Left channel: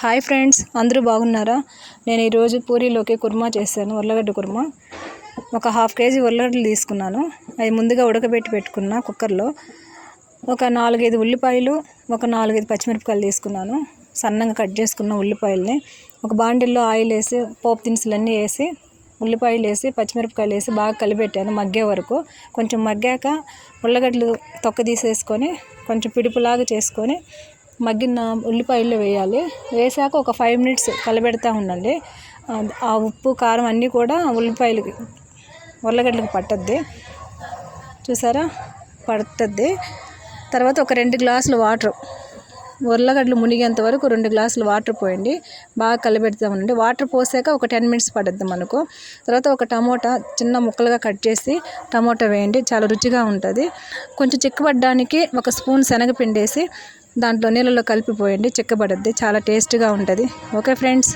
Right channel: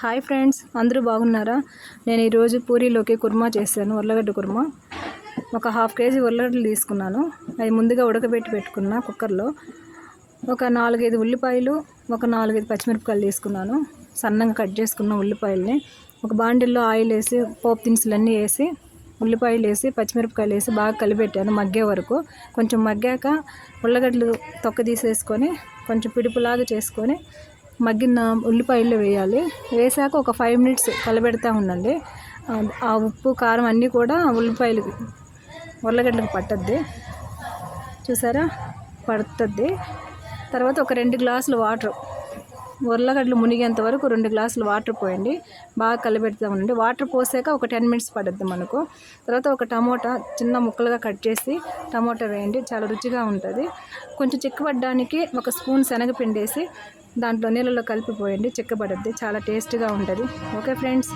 Hi friends, అందరూ బాగున్నారా? నేను ఈరోజు పూరీలోకి కుర్మా చేశాను. ఉర్లగడ్డ కుర్మా. ఒక హాఫ్ కేజీ ఉర్లగడ్డలు తీసుకున్నాను. అవి ముందుగా ఉడకబెట్టి పెట్టుకున్న కుక్కర్లో. ఒక 4-5 ఉల్లిపాయలు, ఒక 4-5 పచ్చిమిరపకాయలు తీసుకున్నాను. సన్నగా కట్ చేసుకున్న ఉల్లిపాయలని ఒక బాండిల్లో ఆయిల్ వేసి, పోపు దినుసులన్నీ వేసి, ఉల్లిపాయలు వేసి, పచ్చిమిరపకాయలు వేసి బాగా కలిపెట్టాను మగ్గే వరకు. కొంచెం మగ్గాక ఉల్లగడ్డలు తొక్క తీసేసుకొని కొంచెం పిడుపులాగా చేసుకొని మగ్గిన ఉల్లిపాయలు వేయాలి. వేసాక ఒక 5 మినిట్స్ కలబెడతా ఉండండి. ఆ ఉప్పు కారం అన్నీ కూడా ఉర్లగడ్డలకు పట్టద్ది. చూసారా, పడుతుంది. తర్వాత ఒక 2 గ్లాసులు వాటర్, ఉర్లగడ్డలు మునిగేంత వరకు 2 గ్లాసులు వాటర్ పోయండి. బాగా కలిపెడతా ఉండండి. వాటర్ పోసాక ఒక 10 మినిట్స్ పడుద్ది మనకు. తర్వాత ఒక టమోటా చిన్న ముక్కలుగా కట్ చేసి టమోటా వేయండి, చాలా రుచిగా ఉంటుంది. కొంచెం చిక్కబడ్డానికి ఒక స్పూన్ శనగపిండి వేసి దాంట్లో నీళ్ళలో కలిపిపోయండి, చిక్కబడుద్ది, చాలా టేస్ట్గా ఉంటుంది. Okay friends.